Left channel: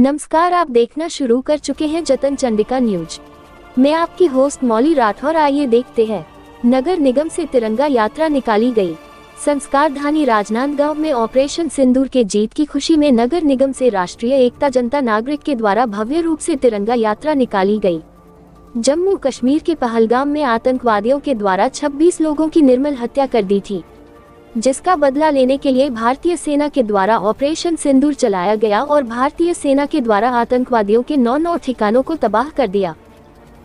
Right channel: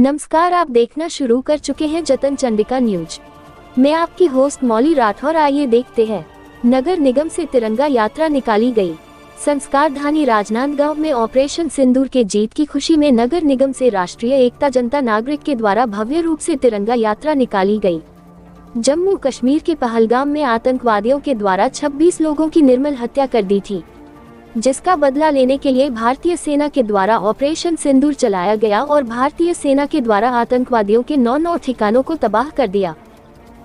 नमस्कार, आप देखना शुरू कर चुके हैं जतन चंडिका न्यूज। मैं आपकी होस्ट मौली राठौर। आइए देखते हैं। नगर निगम से तिरंगा यात्रा निकाली गई। संस्कारधानी राजनांदगांव में ऑपरेशन सिंदूर के जीत की खुशी में नगर निगम से राष्ट्रीय एकता जनता नागरिक के द्वारा भव्य रूप से तिरंगा यात्रा निकाली गई। जम्मू कश्मीर के पहलगाम में आतंकवादियों के द्वारा 26 लोगों की निर्मल हत्या कर दी थी, जिसका बदला लेने के लिए भारतीय सेना के द्वारा ऑपरेशन सिंदूर चलाया गया और भारतीय सेना के द्वारा आतंकवादियों के 9 ठिकानों को तबाह कर दिया,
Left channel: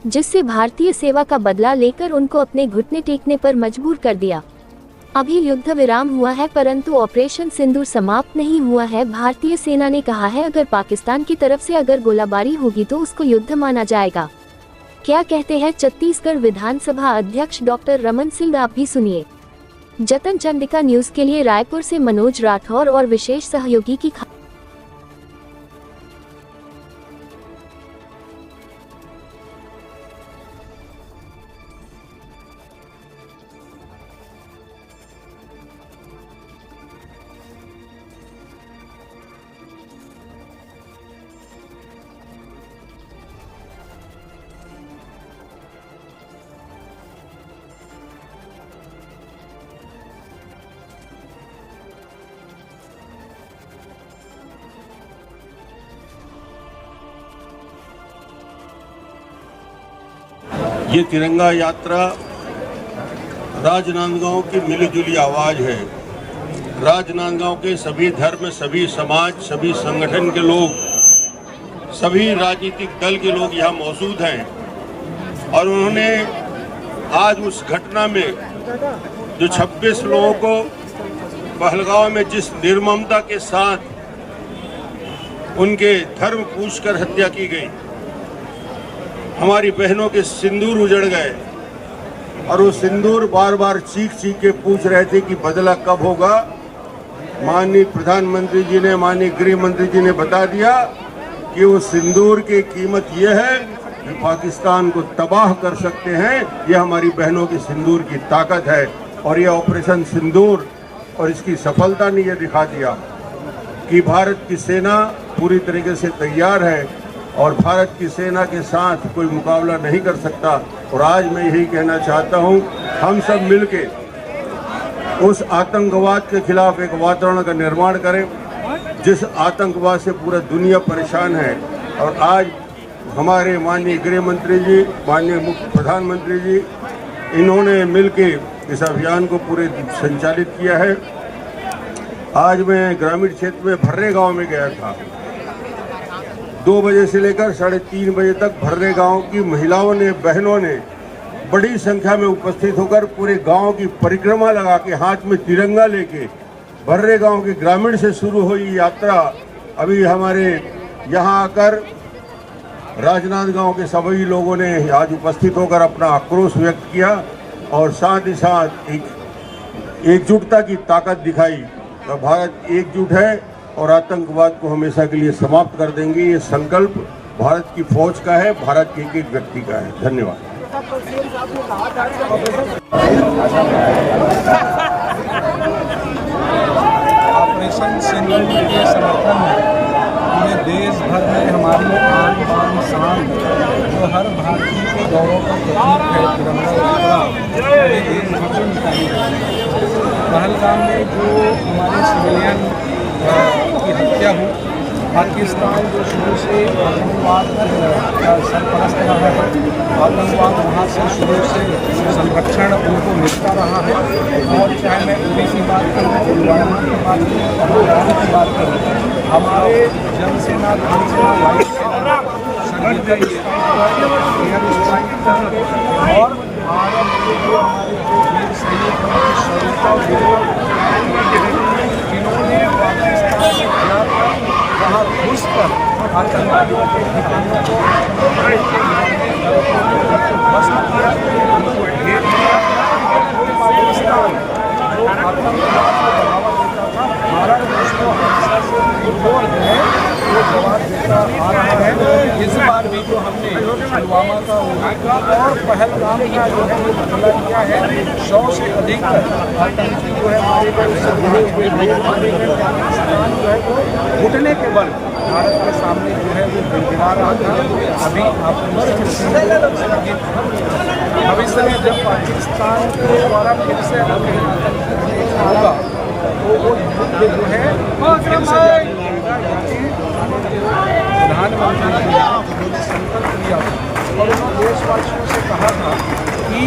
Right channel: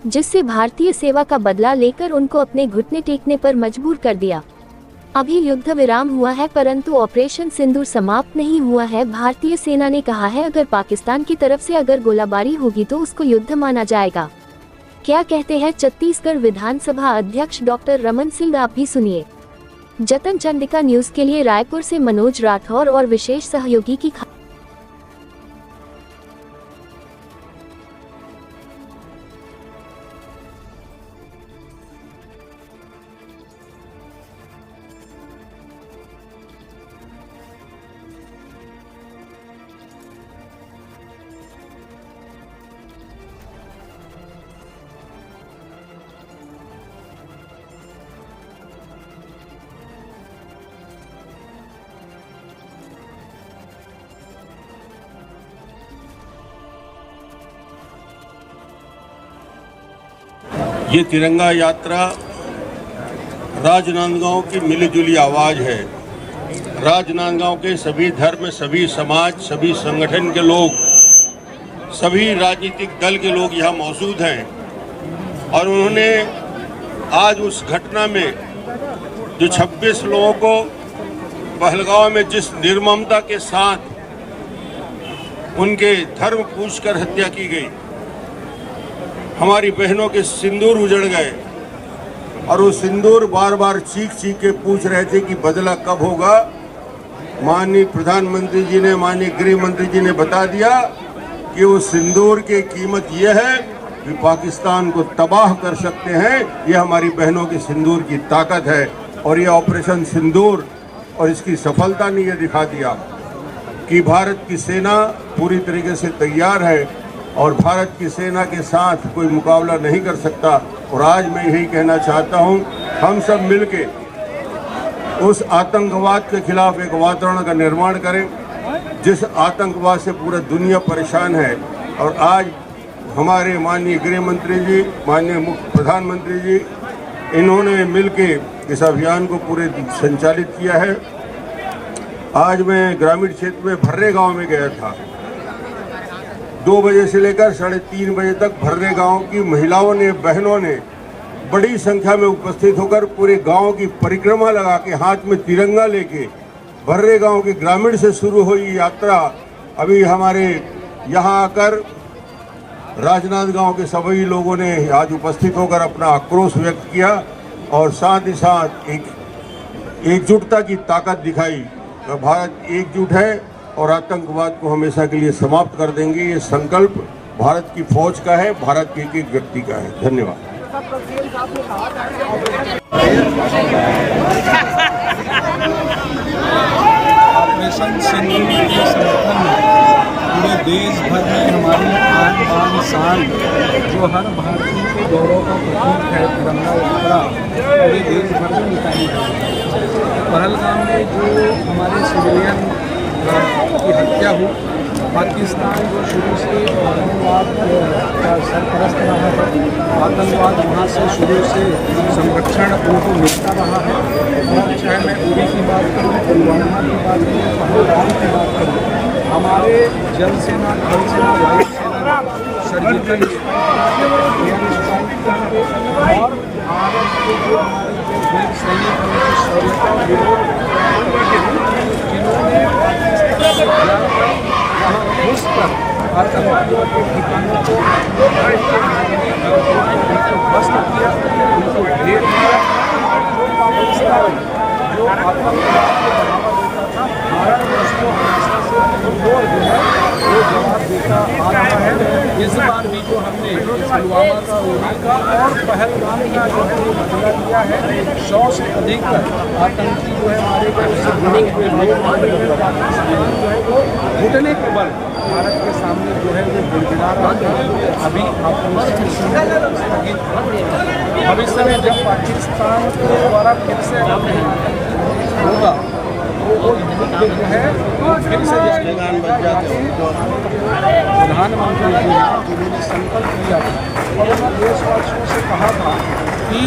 जिससे भारतीय सेवा का बदला लेकर उनको अपने घुटने टेकने पर मजबूर कर दिया। अभी युद्ध विराम हुआ है, परंतु ऑपरेशन सिंदूर समाप्त नहीं हुआ है। भारतीय सेना ने कहा है, अगर पाकिस्तान की तरफ से अगर गोलाबारी होगी तो उसको युद्ध माना जाएगा। क्या कहते हैं छत्तीसगढ़ विधानसभा अध्यक्ष डॉक्टर रमन सिंह, आप भी सुनिए। जतन चंडिका न्यूज के लिए रायपुर से मनोज राठौर और विशेष सहयोगी की ये तिरंगा यात्रा राजनांदगांव की मिलीजुली आवाज है। राजनांदगांव के सभी धर्म, सभी समाज, सभी संगठन के लोग, सभी राजनीतिक दल के लोग यहाँ मौजूद हैं और उन्होंने आज उस घटना में जो 26 लोगों को पहलगाम में जिस निर्ममता के साथ उनके धर्म पूछकर हत्या की गई, हमारी बहनों के सिंदूर उजड़ गए और वो सिंदूर बार बार चीख चीख के पूछ रहे थे कि बदला कब होगा। माननीय प्रधानमंत्री जी ने, माननीय गृह मंत्री जी ने बता दिया कि वो सिंदूर की कीमत ये है कि पाकिस्तान को तबाह कर सकते हैं। ये हमारी बहनों की सिंदूर की ताकत है और ये ऑपरेशन सिंदूर और इसकी सफलता ने यह दिखा दिया कि भारत की सेना पूरी तरीके से तैयार है और भारत की सेना के साथ कोई मुकाबला नहीं कर सकता। और आज मैं यही कहना चाहता हूं, हम सब मिलके उस आतंकवाद के खिलाफ एक वातावरण का निर्माण करें जिस आतंकवाद से पूरा दुनिया परेशान है। और आज हमारे माननीय गृह मंत्री जी, माननीय प्रधानमंत्री जी, इन्होंने मिलके इस अभियान को पूरे संचालित किया है। आज मैं ग्रामीण क्षेत्र में भर्रे गांव में गया था। 2 बजे से लेकर 3:30 बजे तक भर्रे गांव की महिलाओं ने, बहनों ने बड़ी संख्या में उपस्थित होकर पूरे गांव की परिक्रमा लगा के हाथ में तिरंगा लेके भर्रे गांव के ग्रामीण से शुरू हुई यात्रा अभी हमारे यहाँ आकर राजनांदगांव के सभी लोगों ने आज उपस्थित होकर अपना आक्रोश व्यक्त किया और साथ ही साथ एक एकजुटता की ताकत दिखाई। और भारत एकजुट है और आतंकवाद को हमेशा के लिए समाप्त कर देंगे। ये संकल्प भारत की फौज का है, भारत के एक व्यक्ति का है। धन्यवाद। ऑपरेशन सिंदूर के समर्थन में पूरे देश भर में हमारी आन बान शान, जो हर भारतीय के गौरव का प्रतीक है, तिरंगा यात्रा पूरे देश भर में निकाली गई। पहलगाम में जो हमारे सिविलियन की हत्या हुई, पाकिस्तान जो शुरू से आतंकवाद का सरपरस्त रहा है, आतंकवाद वहाँ से शुरू से संरक्षण उनको मिलता रहा है। और चाहे मैं उरी की बात करूँ, पुलवामा की बात करूँ, पहलगाम की बात करूँ, हमारे जल सेना, थल सेना, वायु सेना ने सर्जिकल स्ट्राइक, एयर स्ट्राइक करके और भारत के जो हमारे जो वीर सैनिक हैं उनकी शौर्यता और वीरता, जिन्होंने पाकिस्तान में जाकर वहाँ घुस कर आतंकवादियों के ठिकानों को मारने उनको भस्म किया, उनको ढेर किया। और जो पाकिस्तान जो आतंकवाद को बढ़ावा देता था। भारत उसको हमेशा से मुंहतोड़ जो है वो जवाब देता आ रहा है। इस बार भी जो हमने पुलवामा का, उरी का और पहलगाम का जो है वो बदला लिया है। 100 से अधिक आतंकी जो है मारे गए, उससे जुड़े हुए लोग मारे गए। पाकिस्तान जो है वो घुटने के बल भारत के सामने जो है वो गिड़गिड़ा रहा था। अभी ऑपरेशन स्थगित है। भविष्य में जब पाकिस्तान के द्वारा फिर से अगर कहीं आतंकी अटैक होगा तो वो युद्ध जो है वो फिर से जारी रहेगा। यानी प्रधानमंत्री जी हैं उन्होंने संकल्प लिया था और उन्होंने देशवासियों से कहा था कि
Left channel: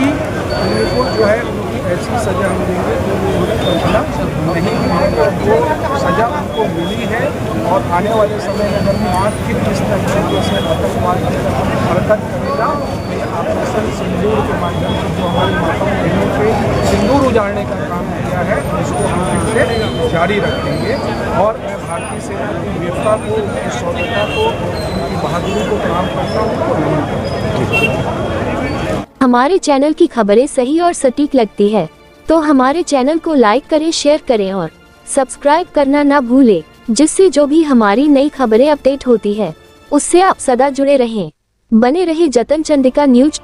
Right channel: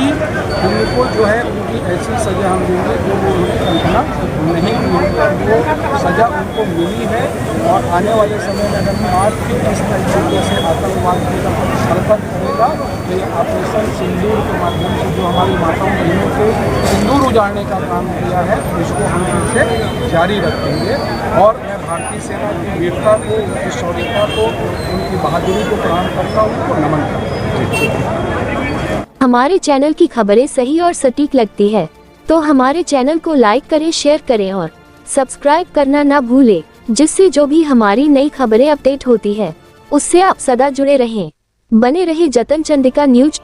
उनको जो है उनकी ऐसी सज़ा हम देंगे जो वो उन्होंने कल्पना नहीं की होगी, और वो सज़ा उनको मिली है। और आने वाले समय में अगर आज फिर इस तरीके से आतंकवाद की तरफ हरकत करेगा तो ये ऑपरेशन सिंदूर के माध्यम से जो हमारी माताओं बहनों के सिंदूर उजाड़ने का काम किया है उसको हम फिर से जारी रखेंगे। और मैं भारतीय सेना की वीरता को, उनकी शौर्यता को, उनकी बहादुरी को प्रणाम करता हूँ, उनको नमन करता हूँ। हमारे चैनल की खबरें सही और सटीक लगती है तो हमारे चैनल को लाइक करें, शेयर करें और सब्सक्राइब करना ना भूलें, जिससे जो भी हमारी नई खबरें अपडेट होती है उससे आप सदा जुड़े रहें। बने रहे जतन चंडिका न्यूज।